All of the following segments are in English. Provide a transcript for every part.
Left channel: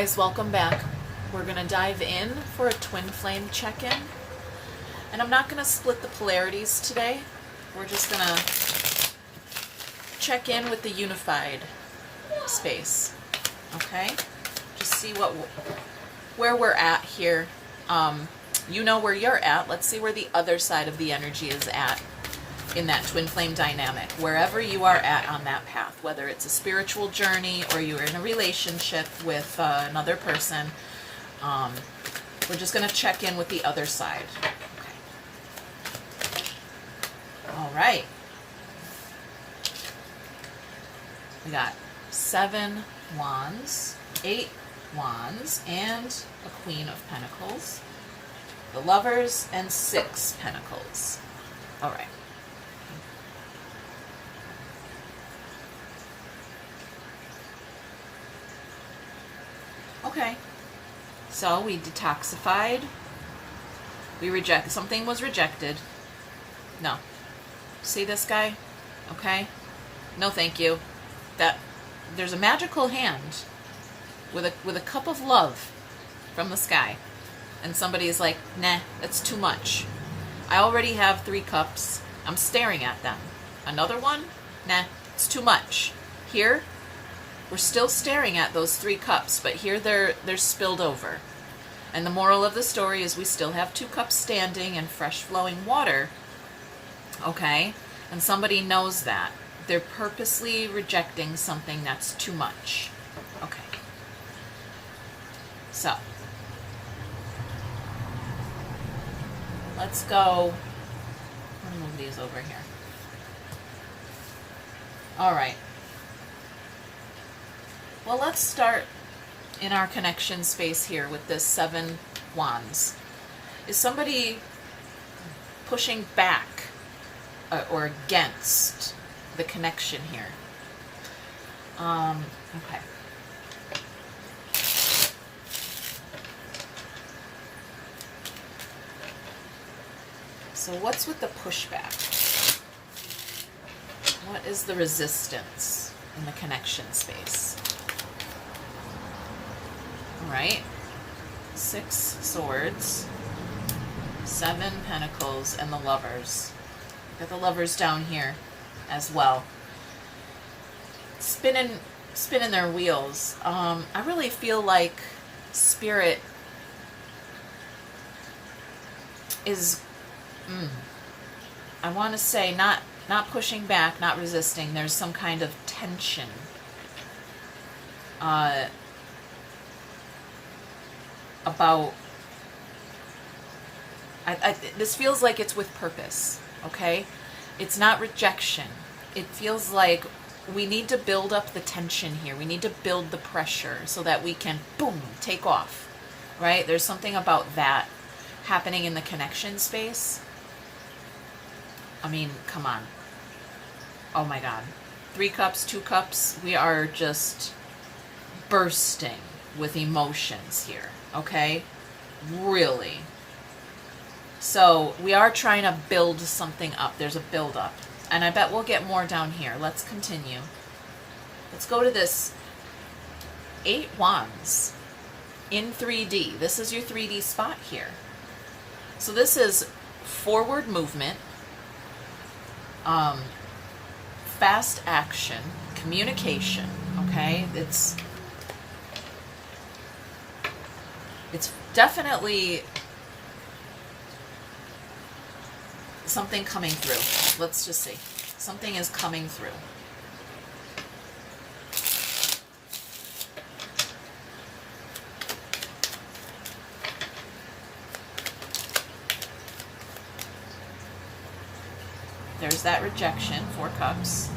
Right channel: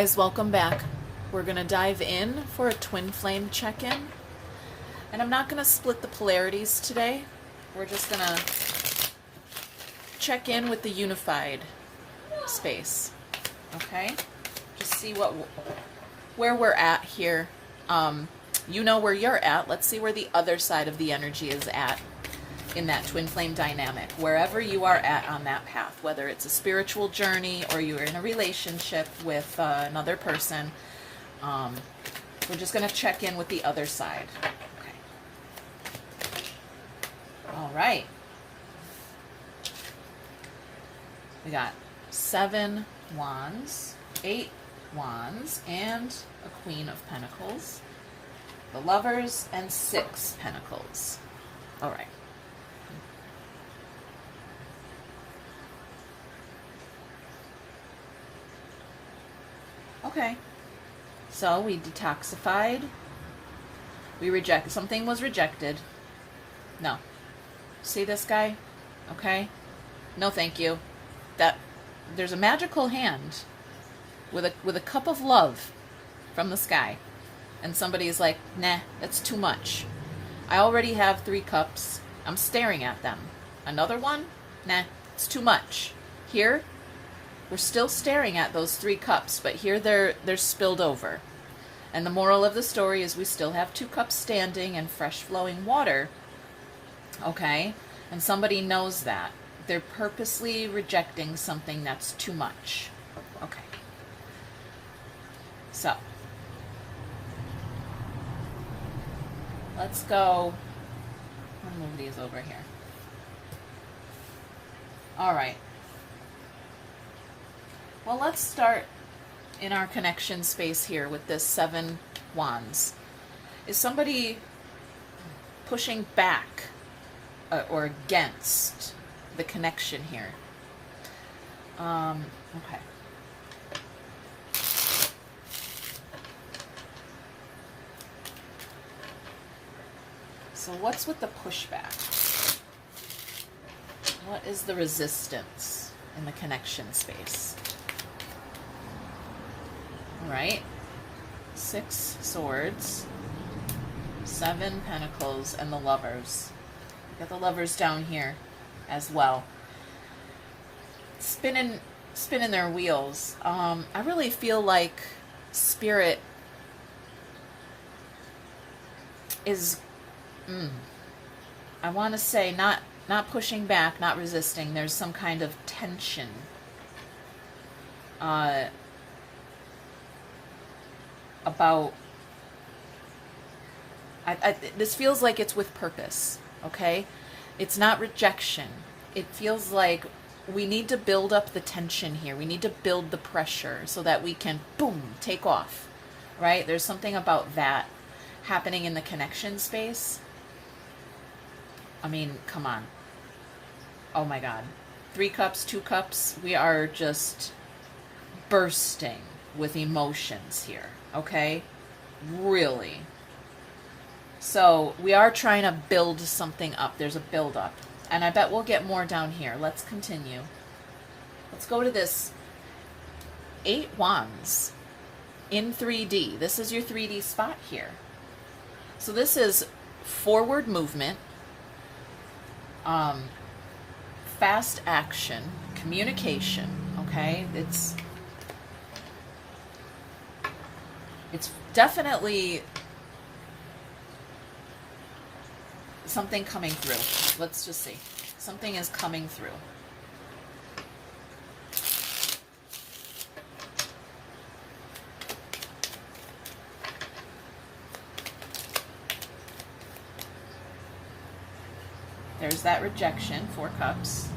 guys, welcome back. We're going to dive in for a twin flame check-in. And I'm not going to split the polarities today. We're just going to check in with the unified space. Okay? Just see where we're at here. You know where you're at. Let's see where the other side of the energy is at in that twin flame dynamic. Wherever you are at on that path, whether it's a spiritual journey or you're in a relationship with another person, we're just going to check in with the other side. Okay. All right. We got 7 wands, 8 wands, and a Queen of Pentacles, the Lovers, and 6 Pentacles. All right. Okay, so we detoxified, we rejected, something was rejected. No. See this guy? Okay? No thank you. There's a magical hand with a cup of love from the sky. And somebody's like, nah, that's too much. I already have 3 cups. I'm staring at them. Another one? Nah, it's too much. Here, we're still staring at those 3 cups, but here they're spilled over. And the moral of the story is we still have 2 cups standing and fresh flowing water. Okay? And somebody knows that. They're purposely rejecting something that's too much. Okay. So, let's go. I'll move these over here. All right. Well, let's start in our connection space here with this 7 wands. Is somebody pushing back or against the connection here? Okay. So what's with the pushback? What is the resistance in the connection space? All right, 6 swords, 7 pentacles, and the Lovers. Got the Lovers down here as well. Spinning their wheels. I really feel like Spirit is, I want to say, not pushing back, not resisting. There's some kind of tension. About, this feels like it's with purpose, okay? It's not rejection. It feels like we need to build up the tension here. We need to build the pressure so that we can, boom, take off, right? There's something about that happening in the connection space. I mean, come on. Oh my God. 3 cups, 2 cups. We are just bursting with emotions here. Okay? Really. So we are trying to build something up. There's a build up. And I bet we'll get more down here. Let's continue. Let's go to this 8 wands in 3D. This is your 3D spot here. So this is forward movement, fast action, communication. Okay? It's definitely something coming through. Let's just see. Something is coming through. There's that rejection, 4 cups.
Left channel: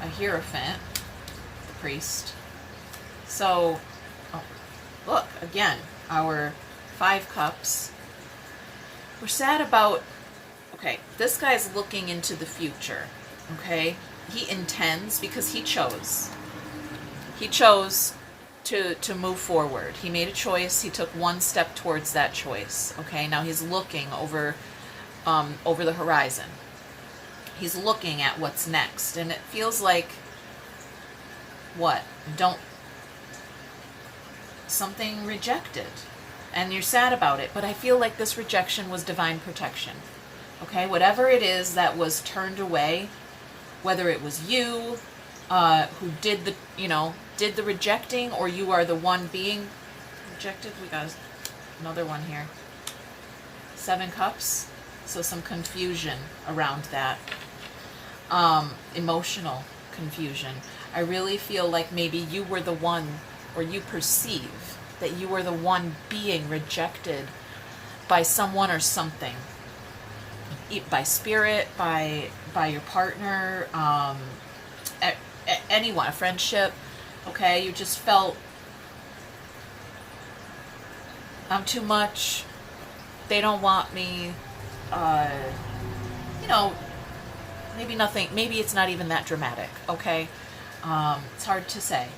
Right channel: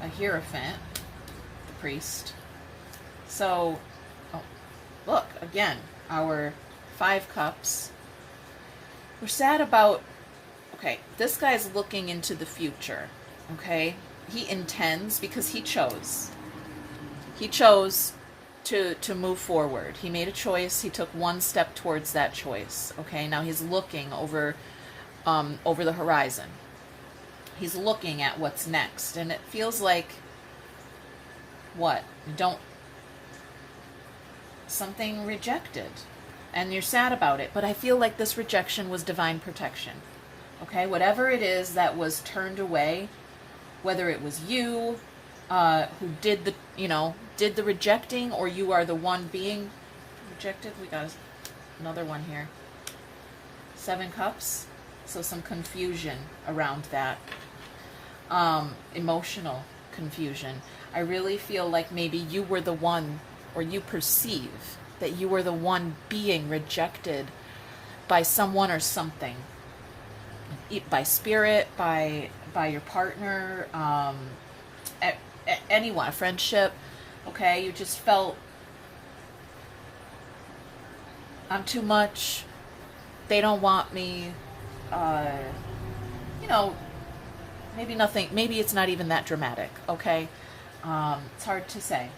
A Hierophant, the priest. So, look, again, our 5 cups. We're sad about, okay, this guy's looking into the future, okay? He intends, because he chose. He chose to move forward. He made a choice. He took 1 step towards that choice, okay? Now he's looking over the horizon. He's looking at what's next, and it feels like, what? something rejected, and you're sad about it, but I feel like this rejection was divine protection. Okay, whatever it is that was turned away, whether it was you who did the rejecting, or you are the one being rejected. We got another one here. 7 cups. So some confusion around that. Emotional confusion. I really feel like maybe you were the one, or you perceive that you were the one being rejected by someone or something. By spirit, by your partner, anyone, a friendship. Okay, you just felt, I'm too much, they don't want me, maybe it's not even that dramatic, okay? It's hard to say,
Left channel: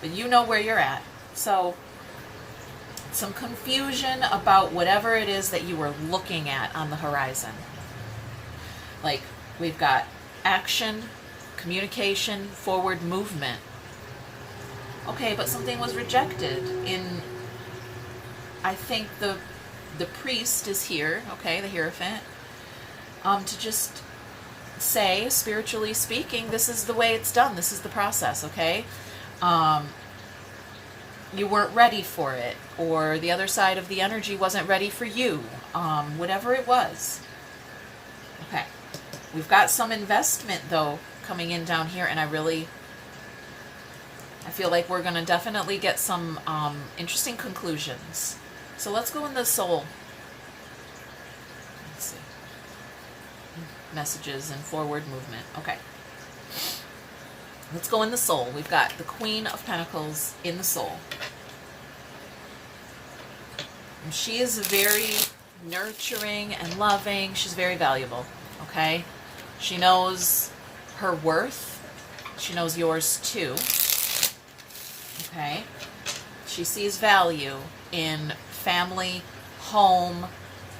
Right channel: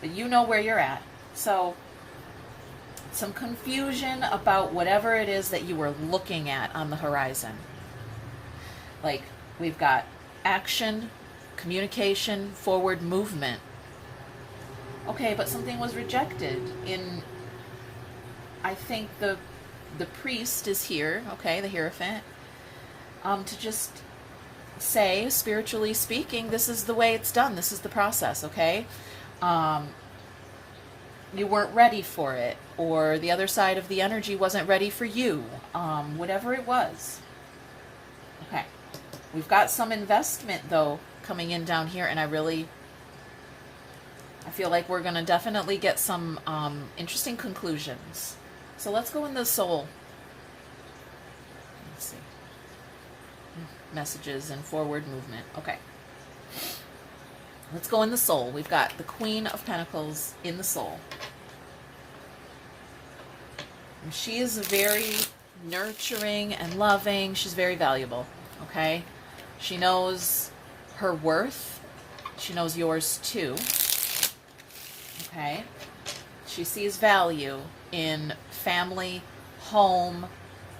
but you know where you're at. So some confusion about whatever it is that you were looking at on the horizon. Like, we've got action, communication, forward movement. Okay, but something was rejected in, I think the priest is here, okay, the Hierophant, to just say, spiritually speaking, this is the way it's done, this is the process, okay? You weren't ready for it, or the other side of the energy wasn't ready for you, whatever it was. Okay, we've got some investment, though, coming in down here, and I feel like we're going to definitely get some interesting conclusions. So let's go in the soul. Let's see. Messages and forward movement. Okay. Let's go in the soul. We've got the Queen of Pentacles in the soul. And she is very nurturing and loving. She's very valuable. Okay? She knows her worth. She knows yours too. Okay? She sees value in family, home,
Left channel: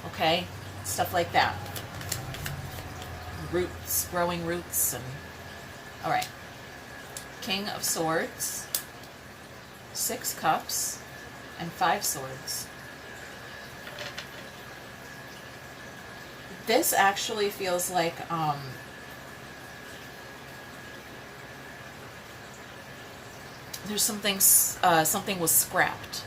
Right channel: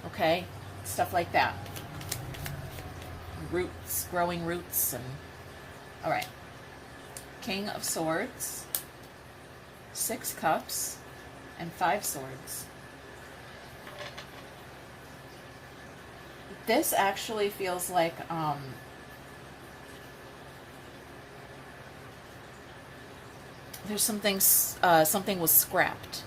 okay? Stuff like that. Roots, growing roots, and all right. King of Swords, 6 cups, and 5 swords. This actually feels like there's something was scrapped.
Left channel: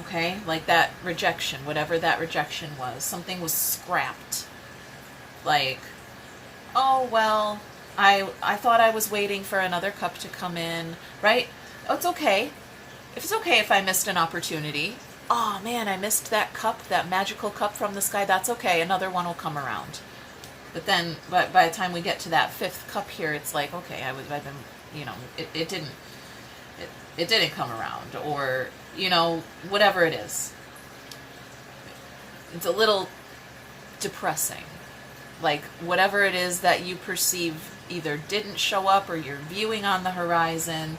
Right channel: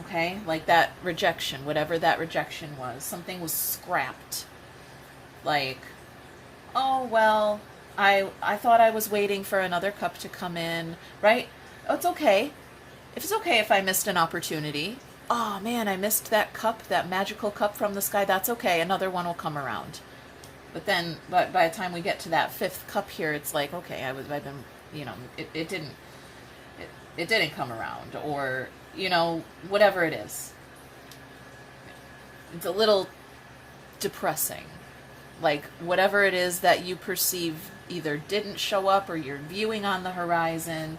Okay, like that rejection, whatever that rejection was, something was scrapped. Like, oh well, I thought I was waiting for another cup to come in, right? Oh, it's okay. If it's okay if I missed an opportunity. Oh man, I missed that cup, that magical cup from the sky. That's okay. Another one will come around. But then, by the time we get to that 5th cup here, it's like, okay, I've been, it didn't come around, or whatever it is. It's a little depressing. Like, whatever it is that you perceive either didn't show up or you're viewing on the horizon,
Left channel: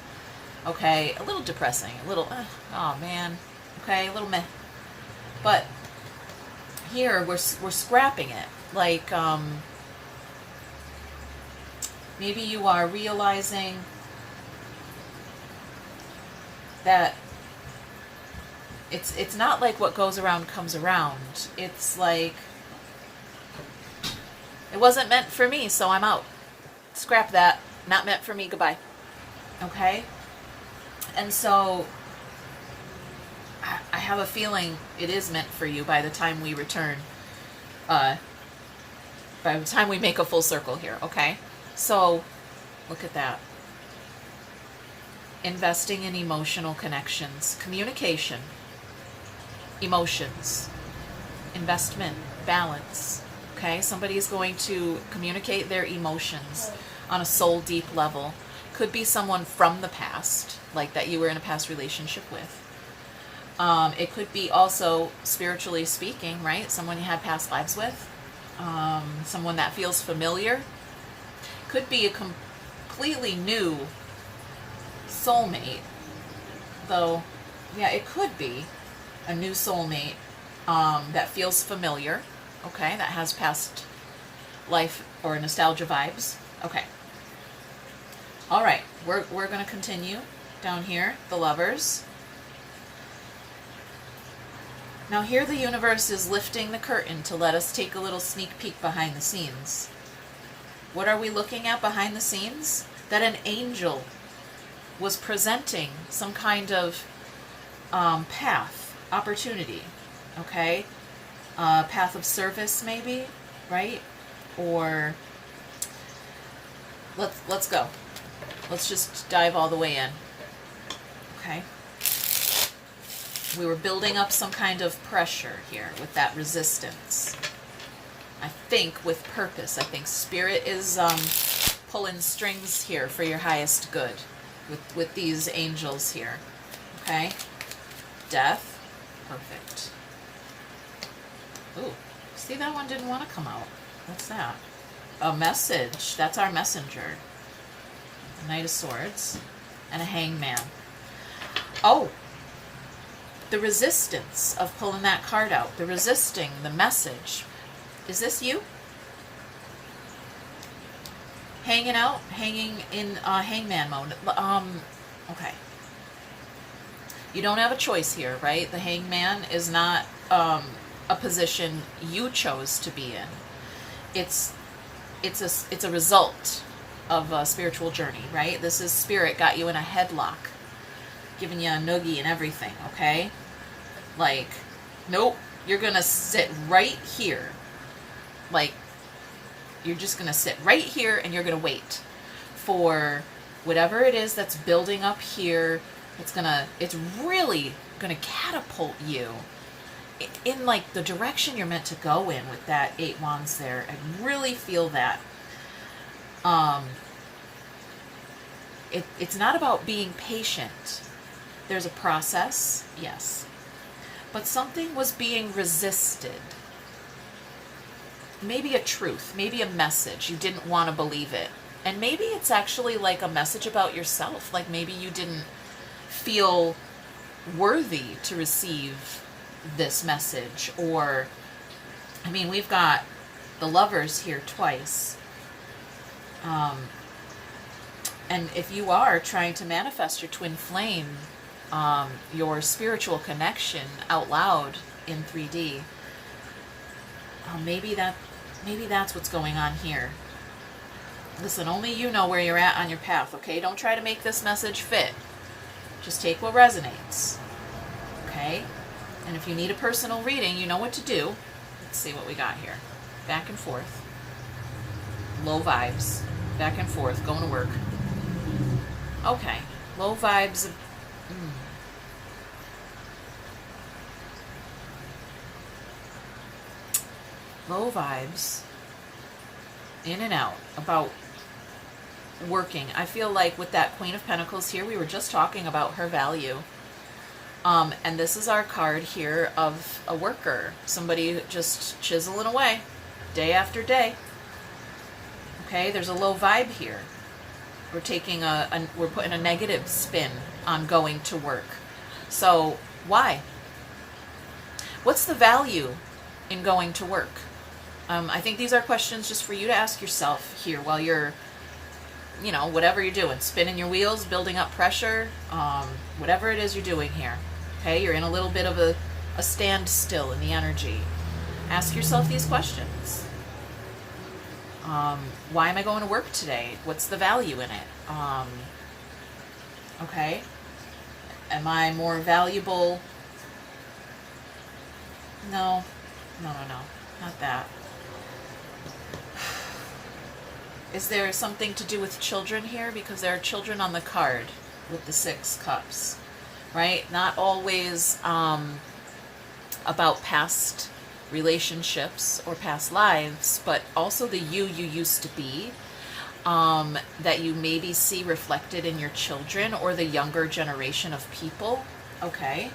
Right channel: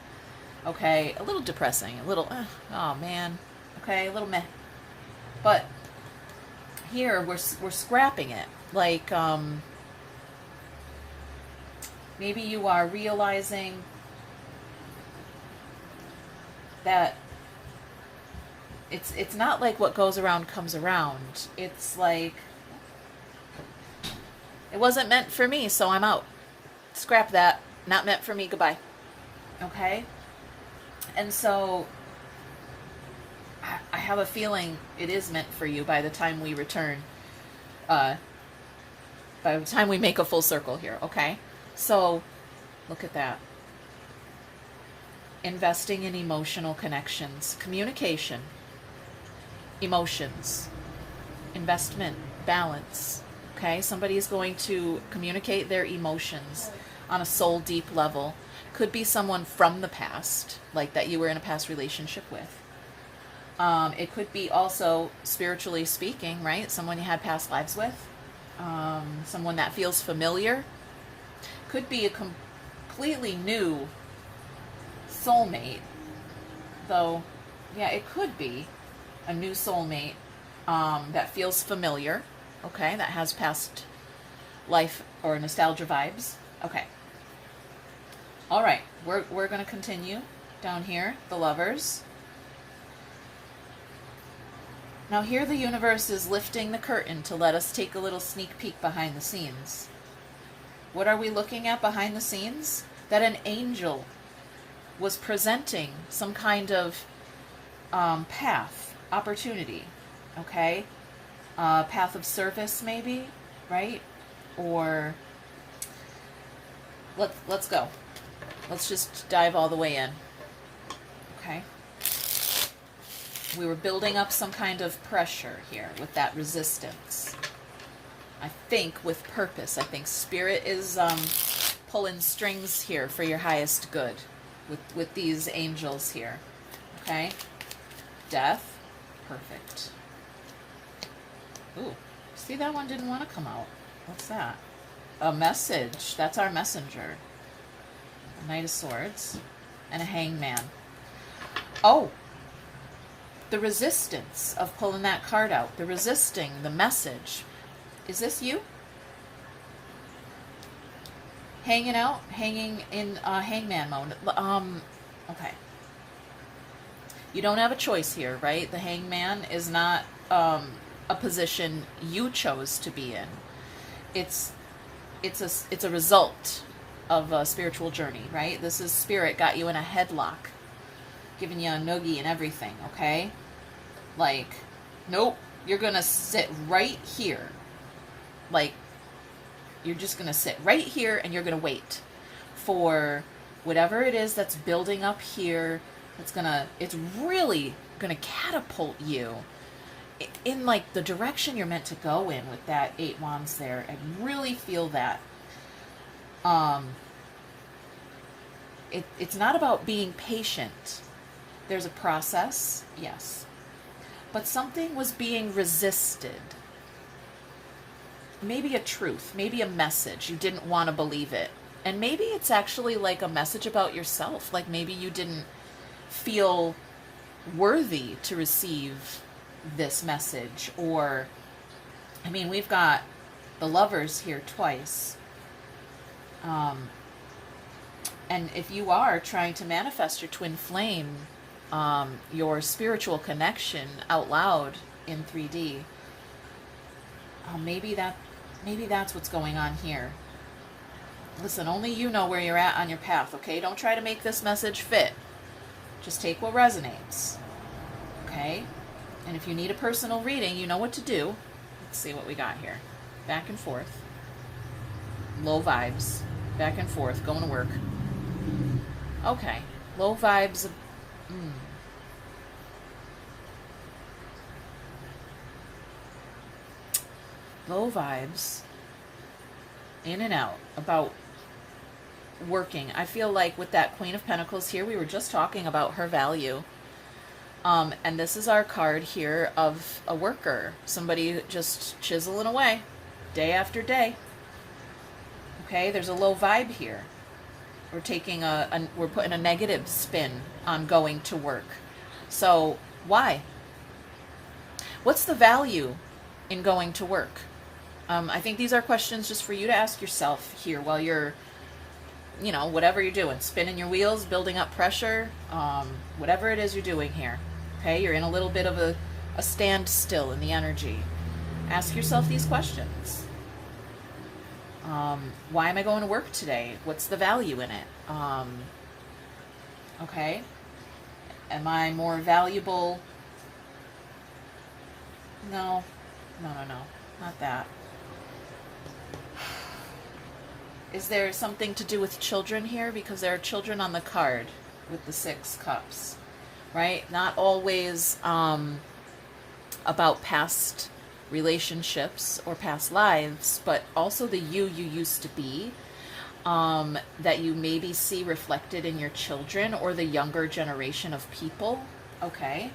okay, a little depressing, a little, oh man, okay, a little meh. But here, we're scrapping it. Like, maybe you are realizing that it's not like what goes around comes around. It's like, it wasn't meant for me, so I'm out. Scrap that. Not meant for me. Goodbye. Okay? And so I have a feeling it is meant for you by the time we return. By the time we make a full circle here, okay? So, look at that. Investing in emotional connections, communication, emotions, investment, balance. Okay, somebody's going to communicate their emotions on a soul deep level. Could be someone from the past, like that you were in a past relationship with. It could be also, spiritually speaking, right? Someone you had past lives with. Someone that feels familiar. Could be a completely new soulmate, though. Yeah, it could be a new soulmate that feels familiar, okay, that has past life or nostalgia vibes. Okay, all right, we're going to continue down here. The Lovers, Now here the universe is lifting the curtain to let us take a little sneak peek behind the scenes. What are we looking at behind the scenes? That an angel was presenting some kind of path, opportunity, okay? Path of service maybe, right? Or let's go. Let's just dive all the way in, okay? We were building up some kind of pressure here with that resistance. I think with purpose. I think Spirit is pulling strings here for your highest good with these angels here. Okay? Death. Perfect. Ooh. See, that one didn't want to come out. What's that? A message. That's our messenger. A Knight of Swords. And a Hangman. Oh! The resistance of pulling that card out. The resisting, the message. Is this you? Hanging out? Hanging in hangman mode. Okay. You don't have a choice here, right? The hangman is not a position you chose to be in. It's a result of a spiritual journey, right? This is Spirit got you in a headlock, giving you a noogie and everything, okay? Like, nope, you're gonna sit right here. Like, you're just gonna sit right here and you're gonna wait for whatever it is that's building up here. It's really gonna catapult you in like the direction you're meant to go in with that 8 wands there. I really feel that. It's not about being patient. There's a process, yes. But something was being resisted. Maybe a truth, maybe a message. You didn't want to believe it. And maybe it's actually like a message about yourself. Like maybe you didn't feel worthy to receive this message. Or, I mean, we've got the Lovers here twice. And if you are trying to manifest your twin flame, your spiritual connection out loud in 3D, maybe that's what's going on here. Listen, only you know where you're at on your path, okay? Don't try to make this message fit. Just take what resonates, okay? And if you need a personal reading, you know what to do. Let's see what we got here. Back and forth. Low vibes. Back and forth. Going to work. Okay. Low vibes. Low vibes. In and out. About working. I feel like with that Queen of Pentacles here, we were just talking about her value. And this is our card here of a worker. Somebody just chiseling away. Day after day. Okay, there's a low vibe here. We're taking we're putting a negative spin on going to work. So, why? What's the value in going to work? I think these are questions just for you to ask yourself here while you're, whatever you're doing, spinning your wheels, building up pressure, whatever it is you're doing here. Okay, you're in a little bit of a standstill in the energy. Ask yourself these questions. Why am I going to work today? What's the value in it? Okay. Am I more valuable? No, not that. Is there something to do with children here? Because there are children on the card with the 6 cups, right? Not always about past relationships or past lives, but also the you used to be, that you maybe see reflected in your children or the younger generation of people. Okay.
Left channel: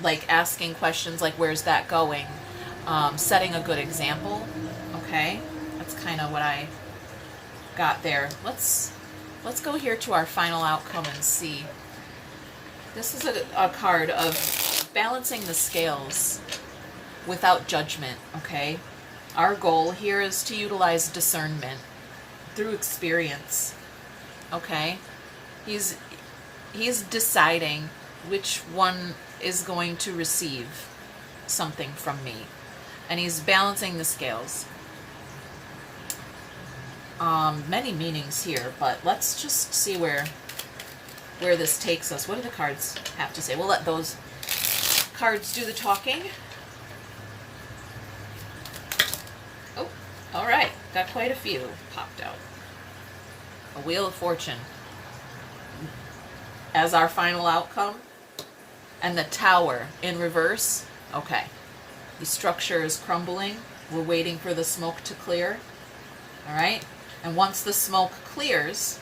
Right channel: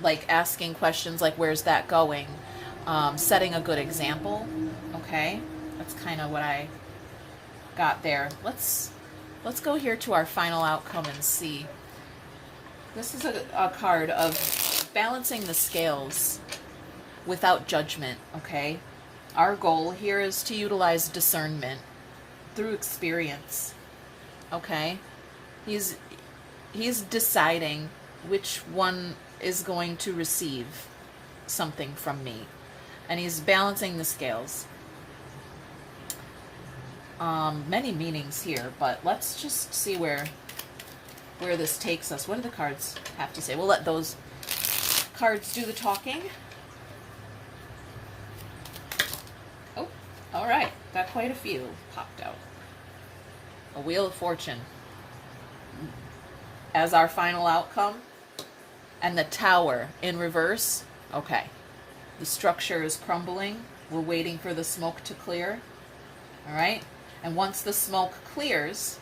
Like asking questions like, where's that going? Setting a good example. Okay. That's kind of what I got there. Let's go here to our final outcome and see. This is a card of balancing the scales without judgment, okay? Our goal here is to utilize discernment through experience, okay? He's deciding which one is going to receive something from me. And he's balancing the scales. Many meanings here, but let's just see where this takes us. What do the cards have to say? We'll let those cards do the talking. Oh, all right. Got quite a few popped out. A Wheel of Fortune as our final outcome. And the Tower in reverse. Okay. The structure is crumbling. We're waiting for the smoke to clear. All right. And once the smoke clears,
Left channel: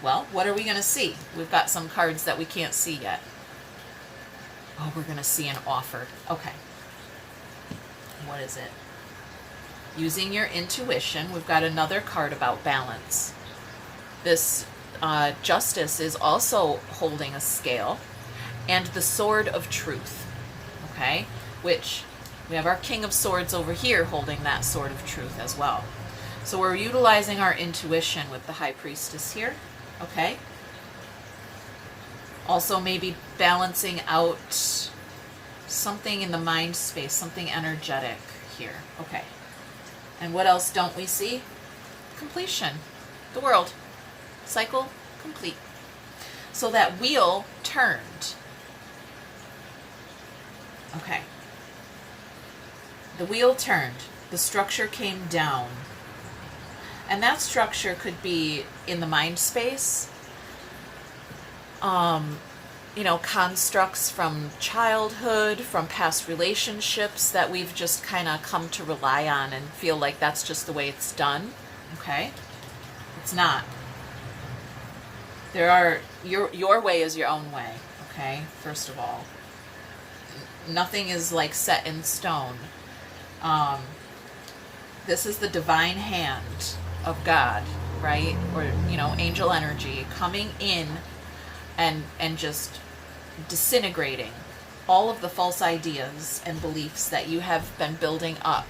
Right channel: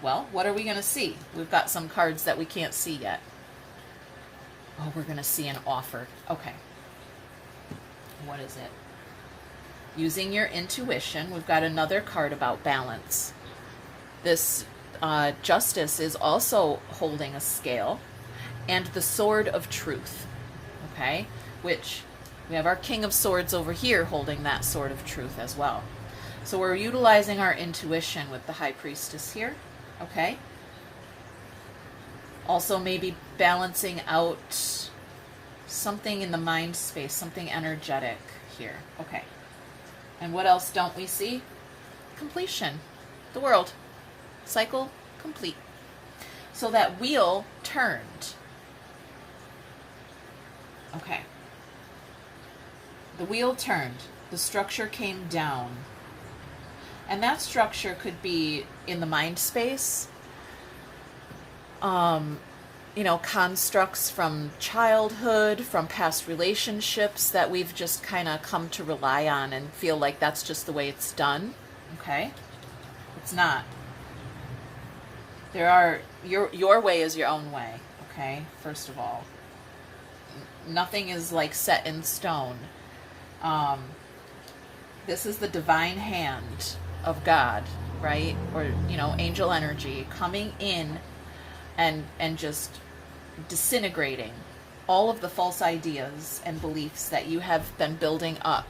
well, what are we going to see? We've got some cards that we can't see yet. Oh, we're going to see an offer. Okay. What is it? Using your intuition, we've got another card about balance. This Justice is also holding a scale. And the Sword of Truth. Okay? Which we have our King of Swords over here holding that Sword of Truth as well. So we're utilizing our intuition with the High Priestess here. Okay? Also maybe balancing out something in the mind space, something energetic here. Okay. And what else don't we see? Completion. The world. Cycle complete. So that wheel turned. Okay. The wheel turned. The structure came down. And that structure could be in the mind space. You know, constructs from childhood, from past relationships that we've just kind of come to rely on and feel like that's just the way it's done. Okay? It's not. There are, your way is your own way. Okay? First of all. Nothing is like set in stone. This is the divine hand of God, right? Or, you know, angel energy coming in and just disintegrating all of the false ideas and beliefs that you have been building up,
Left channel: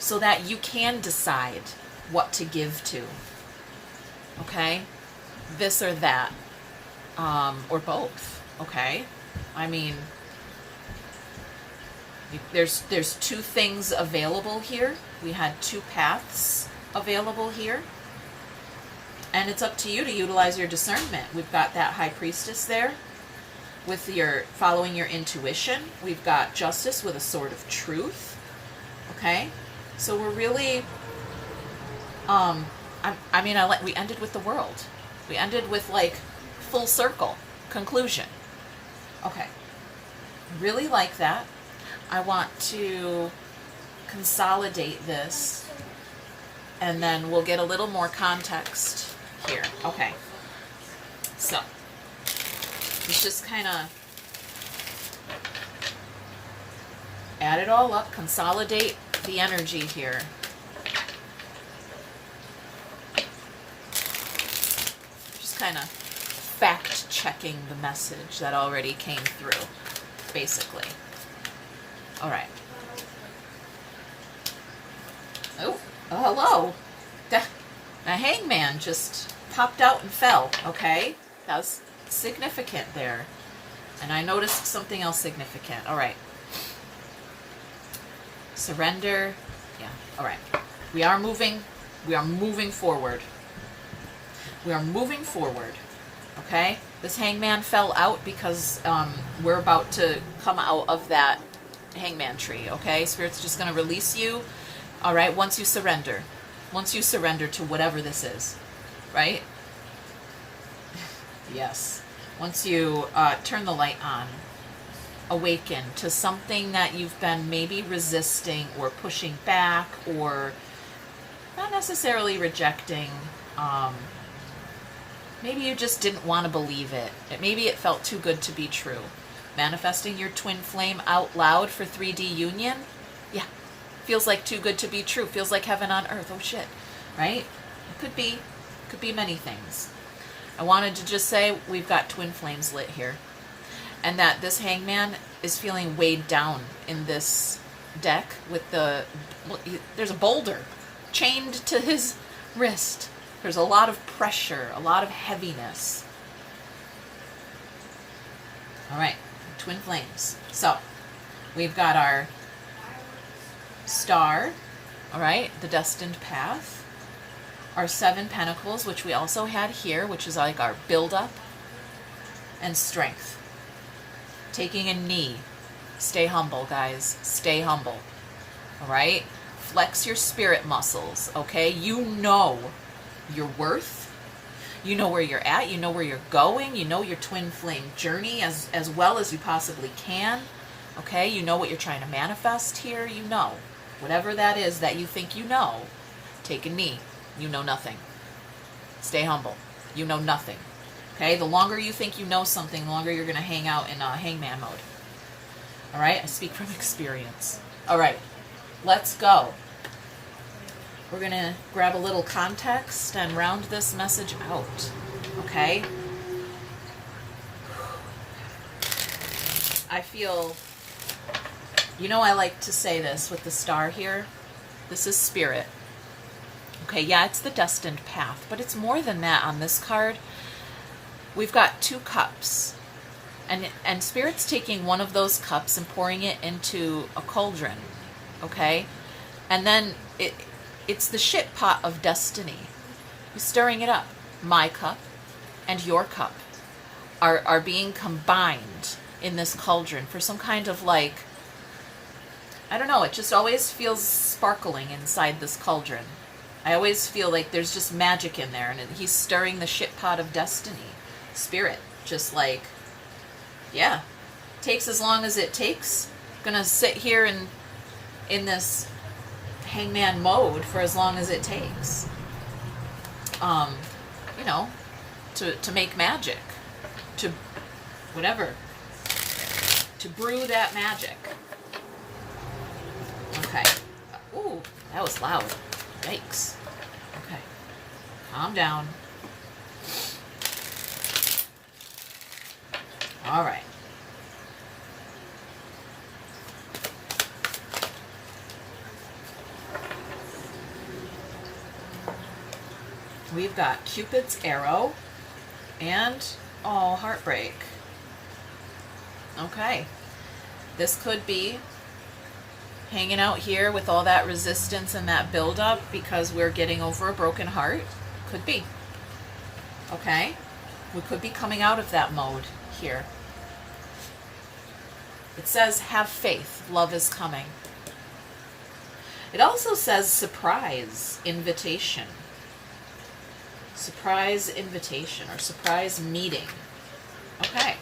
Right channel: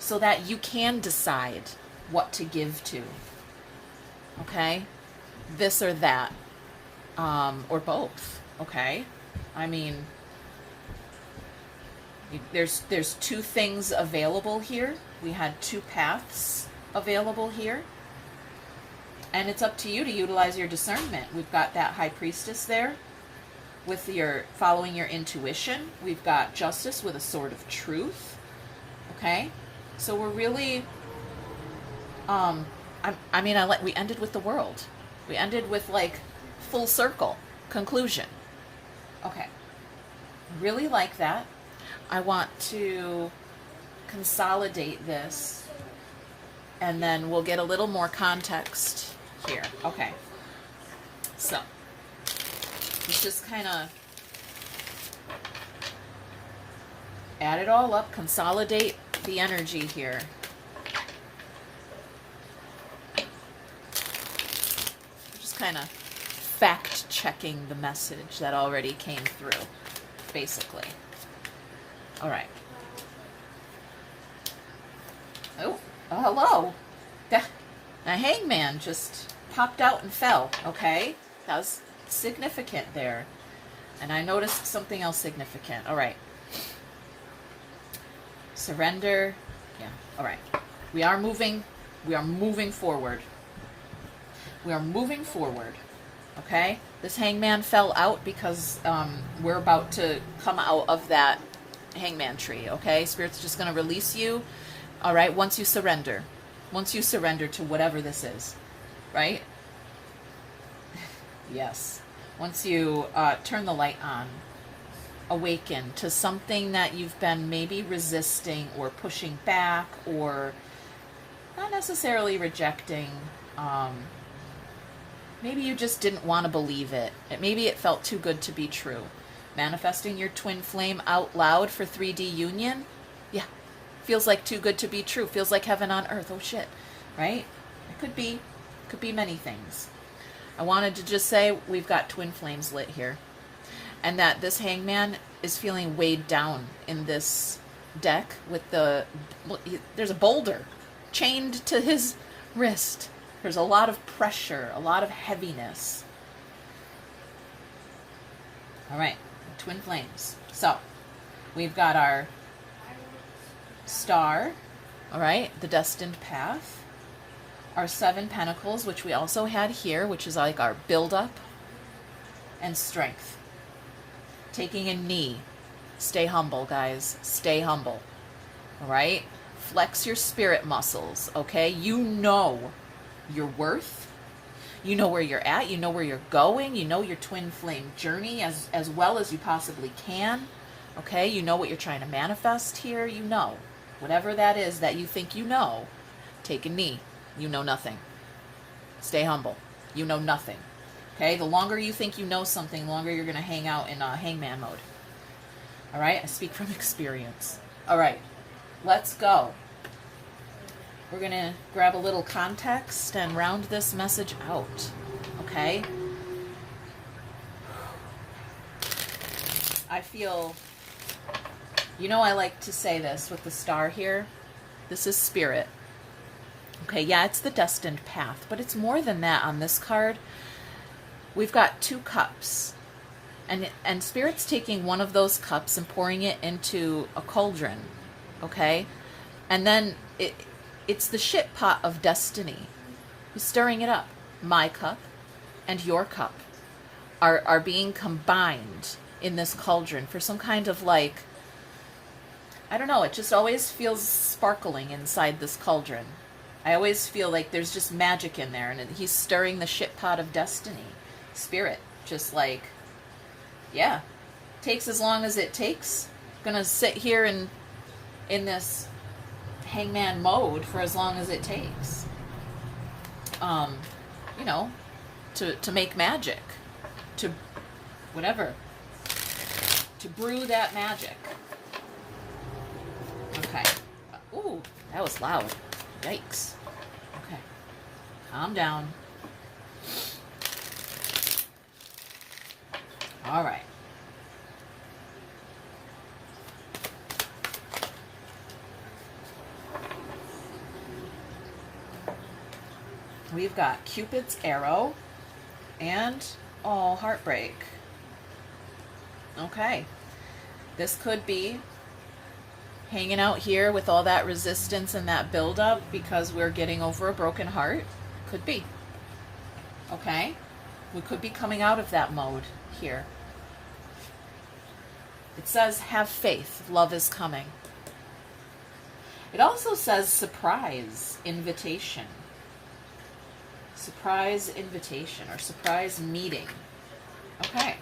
so that you can decide what to give to. Okay? This or that, or both. Okay? I mean, there's two things available here. We had two paths available here. And it's up to you to utilize your discernment. We've got that High Priestess there with your following your intuition. We've got Justice with a Sword of Truth. Okay? So we're really, we ended with the world. We ended with like full circle conclusion. Okay. Really like that. I want to consolidate this and then we'll get a little more context here. Okay. So, let's just kind of add it all up, consolidate the energy here. Just kind of fact checking the message that already came through, basically. All right. Oh, hello. The hangman just popped out and fell, okay? That's significant there. And I noticed something else significant. All right. Surrender. Yeah, all right. We are moving forward. We are moving forward, okay? This hangman fell out because we're about to come out of that hangman tree, okay? Spirit's just going to release you, all right, once you surrender. Once you surrender to whatever this is, right? Yes. Once you turn the light on, awaken to something that you've been maybe resisting or pushing back or not necessarily rejecting. Maybe you just didn't want to believe it. Maybe it felt too good to be true. Manifesting your twin flame out loud for 3D union? Yeah. Feels like too good to be true. Feels like heaven on earth. Oh shit. Right? It could be. Could be many things. I wanted to just say we've got twin flames lit here. And that this hangman is feeling weighed down in this deck with there's a boulder chained to his wrist. There's a lot of pressure, a lot of heaviness. All right, twin flames. So we've got our star, all right, the destined path, our 7 pentacles, which we also had here, which is like our build-up, and strength. Taking a knee. Stay humble, guys. Stay humble. All right? Flex your spirit muscles, okay? You know your worth. You know where you're at. You know where you're going. You know your twin flame journey as well as you possibly can, okay? You know what you're trying to manifest here. You know. Whatever that is that you think you know, take a knee. You know nothing. Stay humble. You know nothing. Okay? The longer you think you know something, the longer you're going to hang out in hangman mode. All right? I speak from experience. All right. Let's go. We're going to grab a little context and round this message out. Okay? I feel, you know, I like to say this with the star here. This is spirit. Okay, yeah, it's the destined path, but it's more than that on this card. We've got 2 cups. And Spirit's taking one of those cups and pouring it into a cauldron, okay? And then it's the shit pot of destiny. He's stirring it up. My cup and your cup are being combined in this cauldron for some kind of like, I don't know, it just always feels sparkling inside this cauldron. I always feel like there's just magic in there, and he's stirring the shit pot of destiny. Spirit, just like, yeah, takes as long as it takes. Gonna sit here in this hangman mode for as long as it takes. You know, to make magic, to whatever, to brew that magic. Okay. Ooh, that was loud. Yikes. Okay. Calm down. All right. We've got Cupid's arrow and, oh, heartbreak. Okay. This could be hanging out here with all that resistance and that buildup because we're getting over a broken heart. Could be. Okay. We could be coming out of that mode here. It says, have faith. Love is coming. It also says surprise invitation. Surprise invitation or surprise meeting. Okay.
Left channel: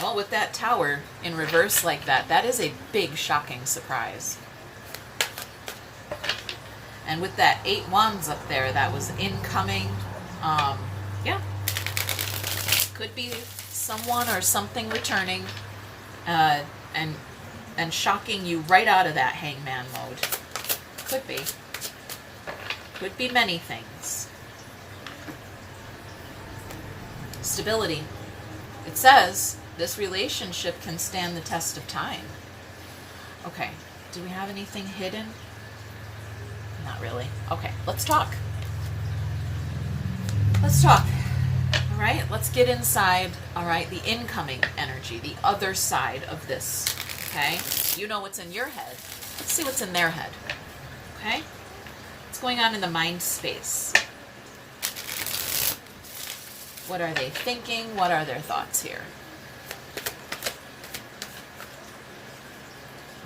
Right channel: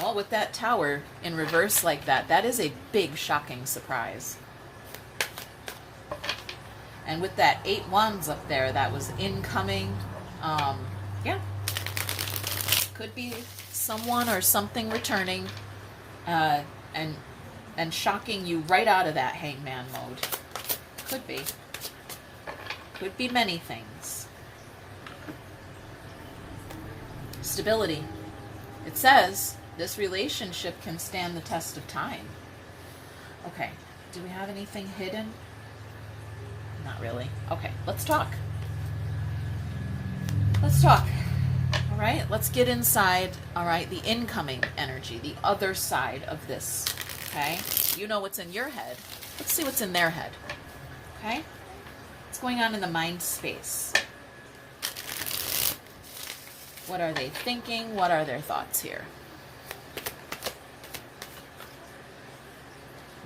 Well, with that tower in reverse like that, that is a big, shocking surprise. And with that 8 wands up there, that was incoming. Yeah. Could be someone or something returning and shocking you right out of that hangman mode. Could be. Could be many things. Stability. It says this relationship can stand the test of time. Okay. Do we have anything hidden? Not really. Okay. Let's talk. Let's talk. All right. Let's get inside. All right. The incoming energy. The other side of this. Okay. You know what's in your head. Let's see what's in their head. Okay. What's going on in the mind space? What are they thinking? What are their thoughts here?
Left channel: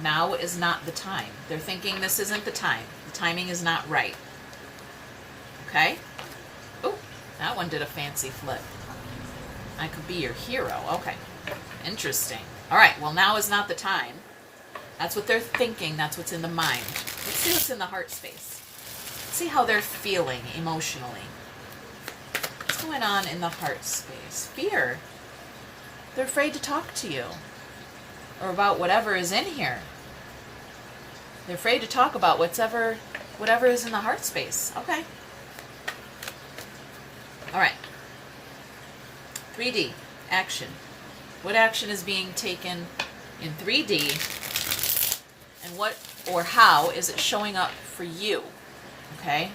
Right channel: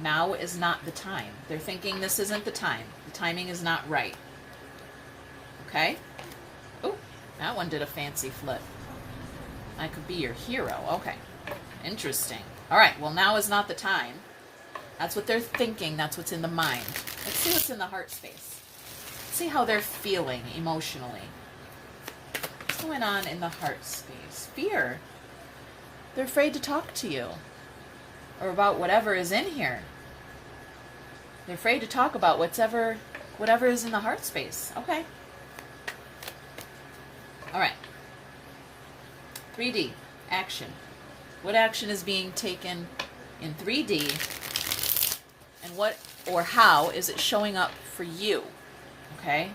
Now is not the time. They're thinking this isn't the time. The timing is not right. Okay? Oh, that one did a fancy flip. I could be your hero. Okay. Interesting. All right. Well, now is not the time. That's what they're thinking. That's what's in the mind. Let's see what's in the heart space. Let's see how they're feeling emotionally. What's going on in the heart space? Fear. They're afraid to talk to you or about whatever is in here. They're afraid to talk about whatever is in the heart space. Okay. All right. 3D, action. What action is being taken in 3D, and what or how is it showing up for you? Okay?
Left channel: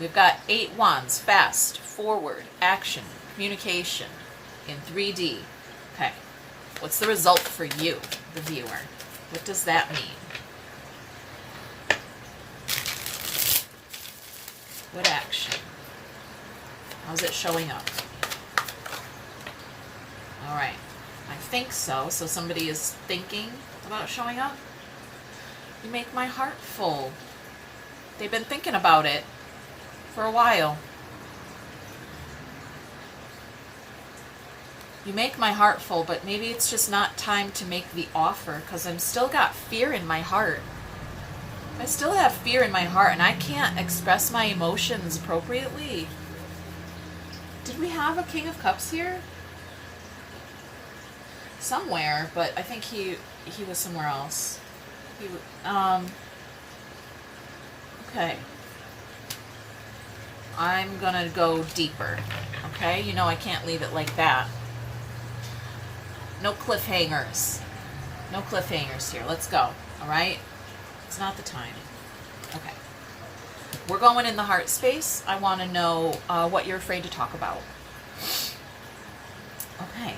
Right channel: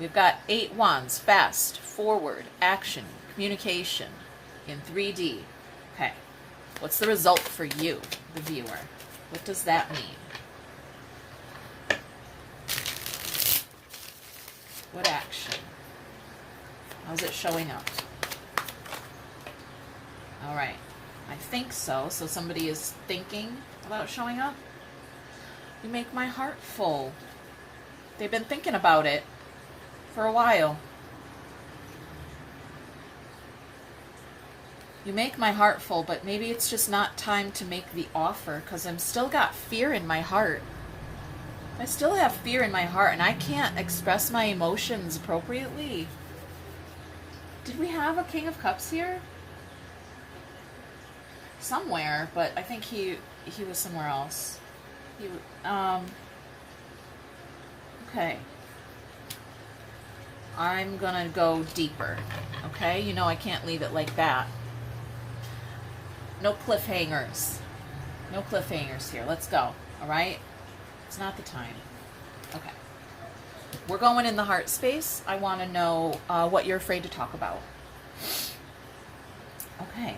We've got 8 wands, fast, forward, action, communication in 3D. Okay. What's the result for you, the viewer? What does that mean? What action? How's it showing up? All right. I think so. So somebody is thinking about showing up. You make my heart full. They've been thinking about it for a while. You make my heart full, but maybe it's just not time to make the offer because I'm still got fear in my heart. I still have fear in my heart and I can't express my emotions appropriately. Did we have a King of Cups here? Somewhere, but I think he was somewhere else. Okay. I'm gonna go deeper. Okay? You know I can't leave it like that. No cliffhangers. No cliffhangers here. Let's go. Alright? It's not the time. Okay. We're going in the heart space. I want to know what you're afraid to talk about. Okay.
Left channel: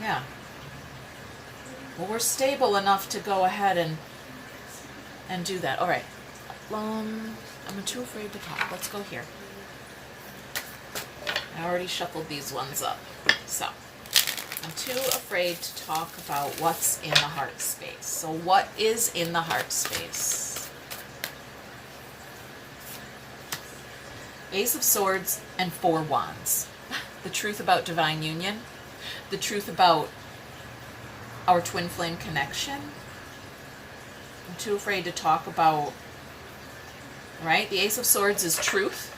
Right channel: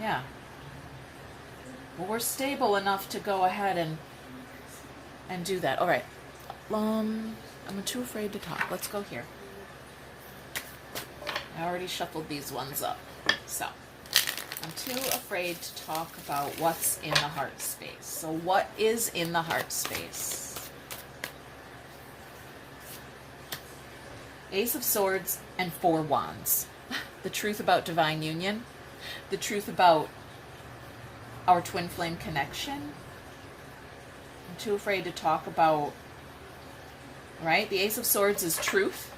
Yeah. Well, we're stable enough to go ahead and do that. All right. I'm too afraid to talk. Let's go here. I already shuffled these ones up. So, I'm too afraid to talk about what's in the heart space. So, what is in the heart space? Ace of Swords and 4 Wands. The truth about divine union. The truth about our twin flame connection. I'm too afraid to talk about, right? The Ace of Swords is truth.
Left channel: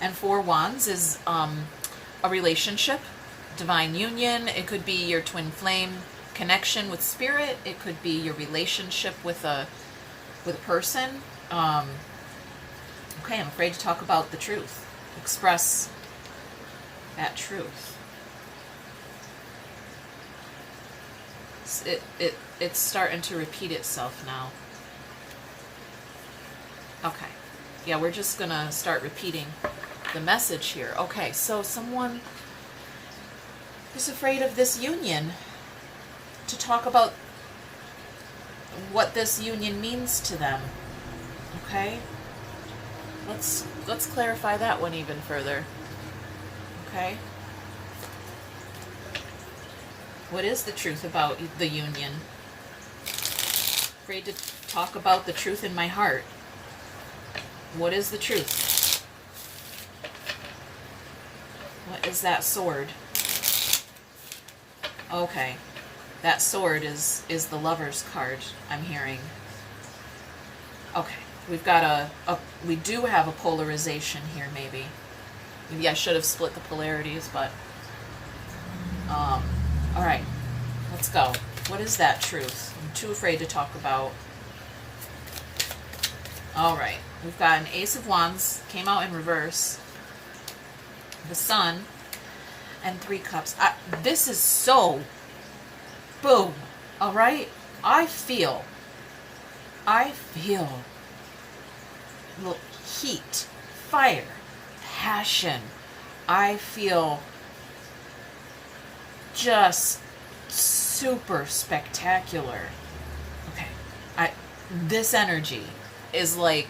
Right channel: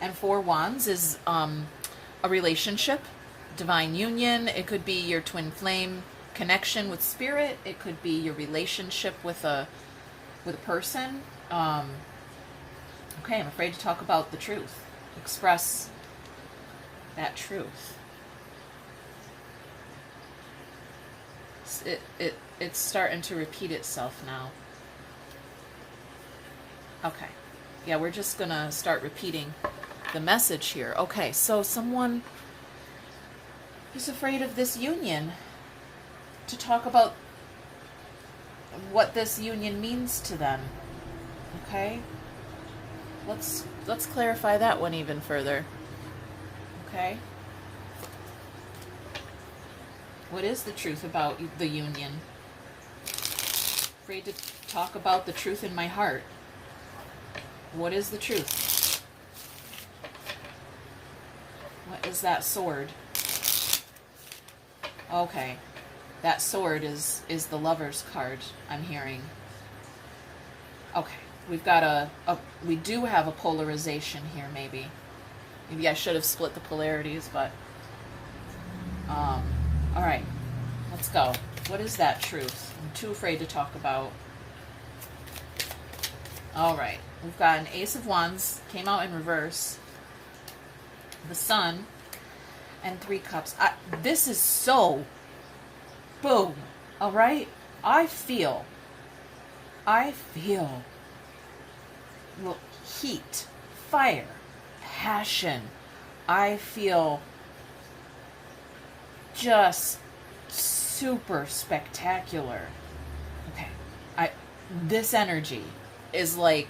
And 4 Wands is a relationship, divine union. It could be your twin flame connection with spirit. It could be your relationship with a person. Okay, I'm afraid to talk about the truth. Express that truth. It's starting to repeat itself now. Okay. Yeah, we're just going to start repeating the message here. Okay, so someone who's afraid of this union, to talk about what this union means to them. Okay? Let's clarify that one even further. Okay? What is the truth about the union? Afraid to talk about the truth in my heart. What is the truth? What is that sword? Okay. That sword is the Lover's card, I'm hearing. Okay. We've got we do have a polarization here, maybe. Maybe I should have split the polarities, but all right. Let's go. What is that truth? I'm too afraid to talk about. All right. We've got an Ace of Wands, came out in reverse, the Sun, and 3 Cups. This is so boom. All right? I feel heat, fire, passion. I feel just super spectacular. Okay. This energy is like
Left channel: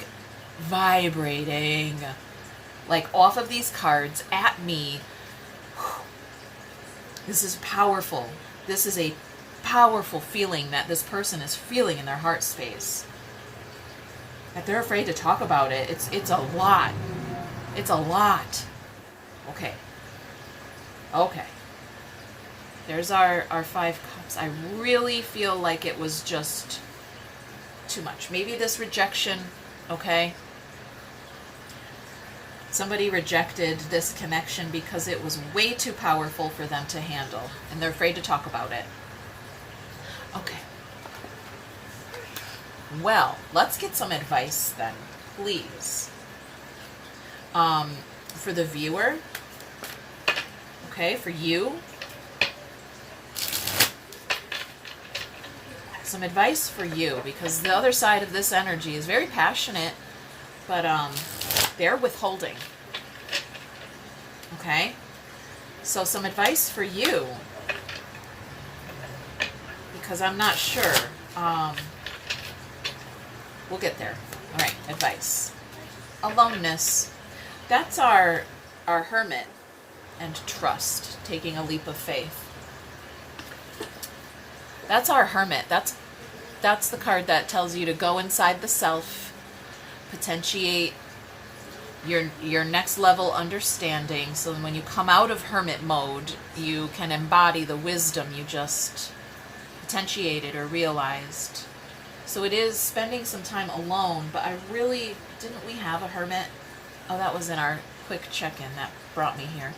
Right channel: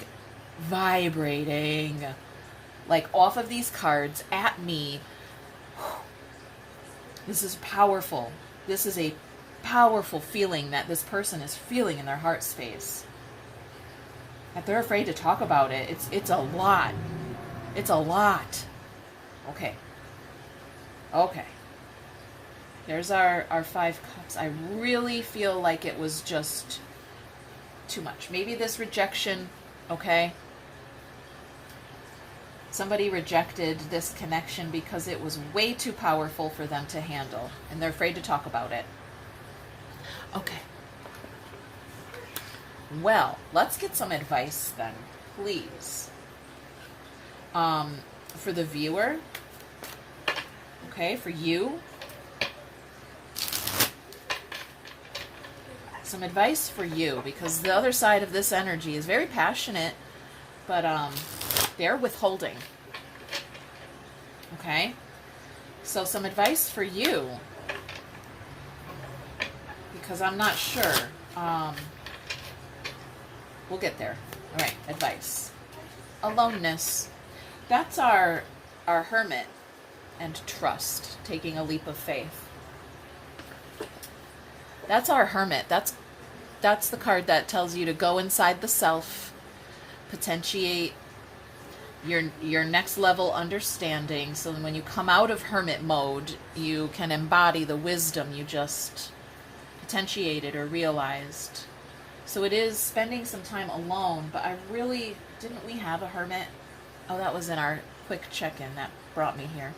vibrating like off of these cards at me. This is powerful. This is a powerful feeling that this person is feeling in their heart space. That they're afraid to talk about it. It's a lot. It's a lot. Okay. Okay. There's our 5 Cups. I really feel like it was just too much. Maybe this rejection, okay? Somebody rejected this connection because it was way too powerful for them to handle, and they're afraid to talk about it. Okay. Well, let's get some advice then, please. For the viewer, okay, for you. some advice for you, because the other side of this energy is very passionate, but they're withholding. Okay? So some advice for you, because I'm not sure. We'll get there. All right, advice. Aloneness. That's our hermit and trust, taking a leap of faith. That's our hermit. That's the card that tells you to go inside the self, potentiate your next level understanding, so when you come out of hermit mode, you can embody the wisdom you just potentiated or realized. So it is spending some time alone, but I really, didn't we have a hermit? Oh, that was in our quick check-in that brought me here.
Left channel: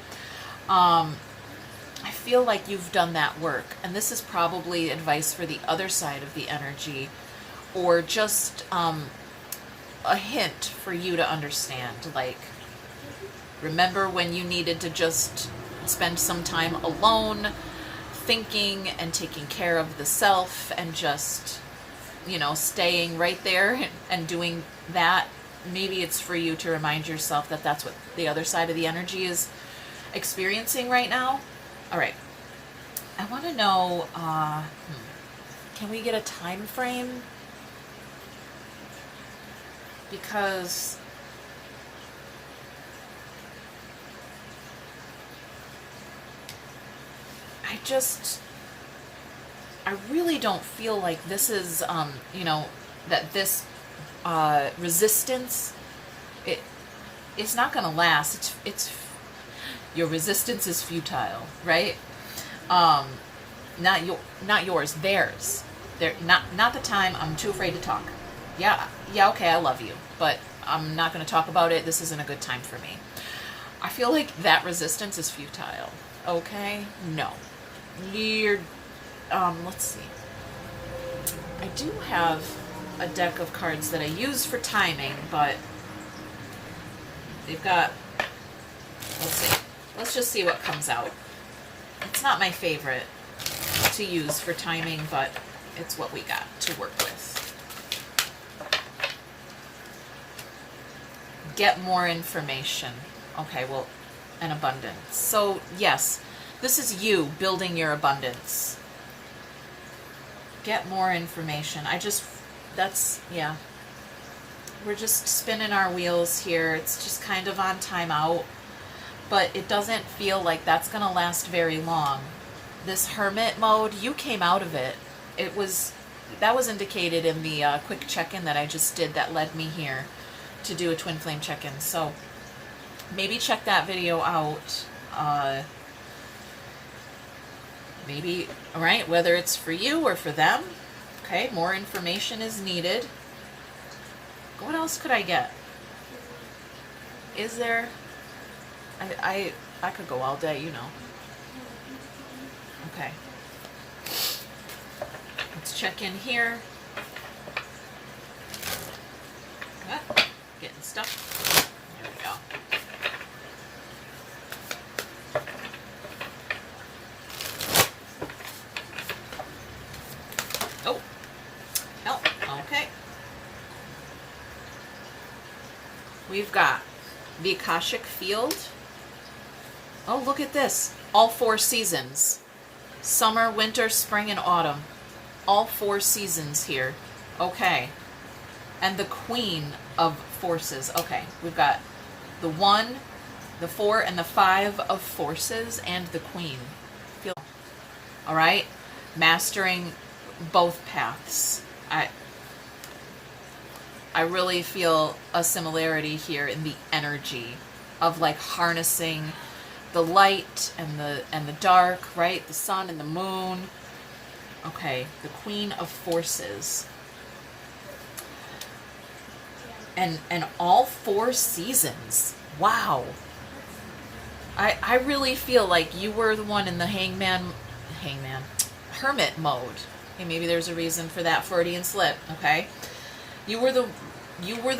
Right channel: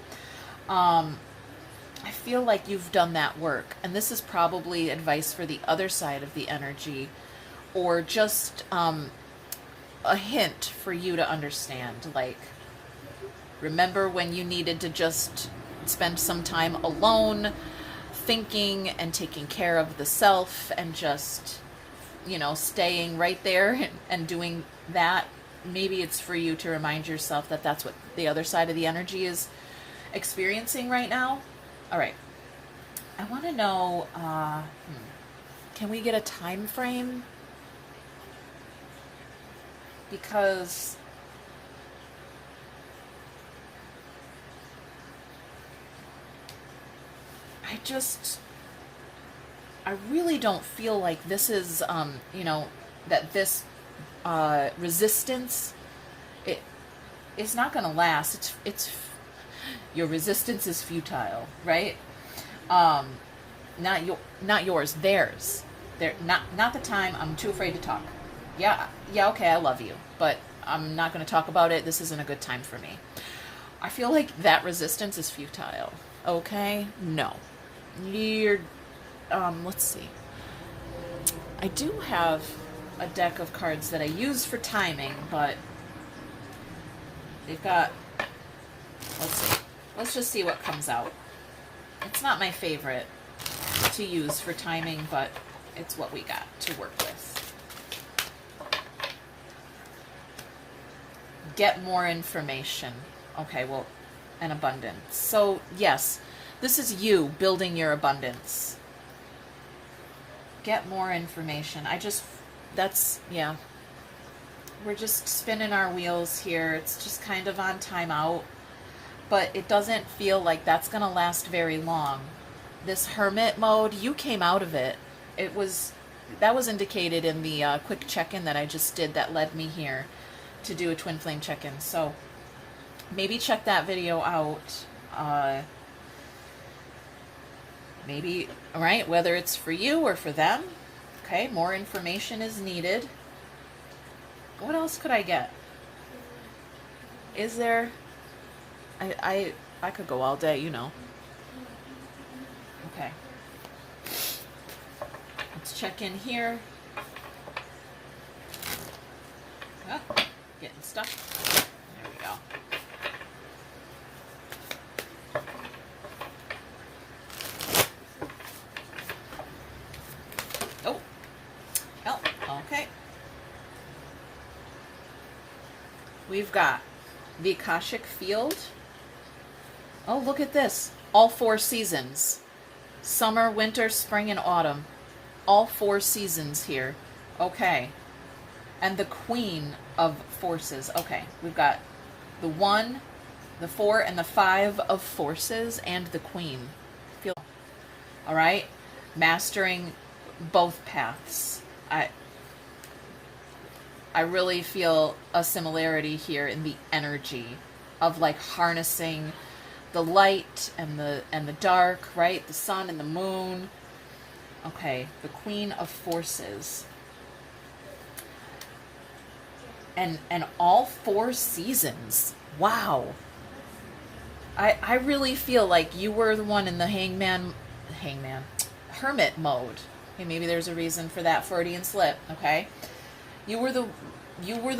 I feel like you've done that work, and this is probably advice for the other side of the energy, or just a hint for you to understand. Like, remember when you needed to just spend some time alone, thinking and taking care of the self, and just, you know, staying right there and doing that. Maybe it's for you to remind yourself that that's what the other side of the energy is experiencing right now. All right. I want to know, can we get a time frame? Because I really don't feel like this is, you know, that this resistance, it's not going to last. Your resistance is futile, right? Not yours, theirs. Not the time. I'm too afraid to talk. Yeah, okay, I love you, but I'm not going to talk about it. This isn't a good time for me. I feel like that resistance is futile. Okay? No. Let's see. I do have a deck of cards that I use for timing, but they've got, let's see. Let's just see what comes out. It's not my favorite to use for timing, but it's what we got to work with. Get more information. Okay, well, an abundance. So, yes, this is you building your abundance. Get more information. Yeah. We're just spinning our wheels here. It's just kind of on timeout. But it doesn't feel like that's going to last very long. This hermit mode, you came out of it. That was indicated in the quick check-in that I just did that led me here to do a twin flame check-in. So maybe check that video out. Maybe, all right, whether it's for you or for them. Okay, more information is needed. What else could I get? Is there... I could go all day, you know. Okay. Let's check in here. Getting stuck. There we go. Oh. Oh, okay. We've got the Akashic Field. Oh, look at this. All 4 seasons. Summer, winter, spring, and autumn. All 4 seasons here. Okay. And the Queen of Forces. Okay. We've got the 1, the 4, and the 5 of Forces, and the Queen. All right? Mastering both paths. I really feel a similarity here in the energy of like harnessing the light and the dark, right? The sun and the moon. Okay, the Queen of Forces. And all 4 seasons. Wow. I really feel like you were the one in the hermit mode. Okay, maybe there's a reason for that Freudian slip, okay? You were the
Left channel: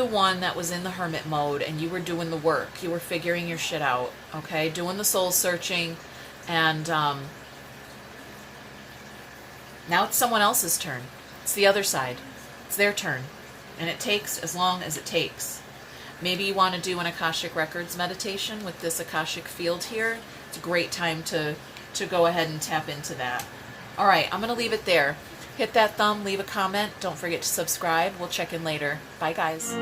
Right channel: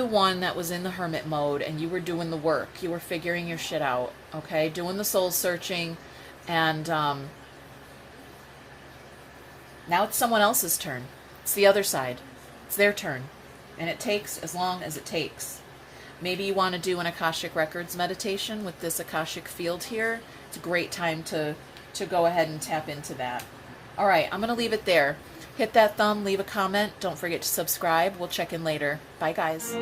one that was in the hermit mode, and you were doing the work. You were figuring your shit out, okay? Doing the soul searching, and now it's someone else's turn. It's the other side. It's their turn. And it takes as long as it takes. Maybe you want to do an Akashic Records meditation with this Akashic field here. It's a great time to go ahead and tap into that. All right, I'm going to leave it there. Hit that thumb, leave a comment. Don't forget to subscribe. We'll check in later. Bye, guys.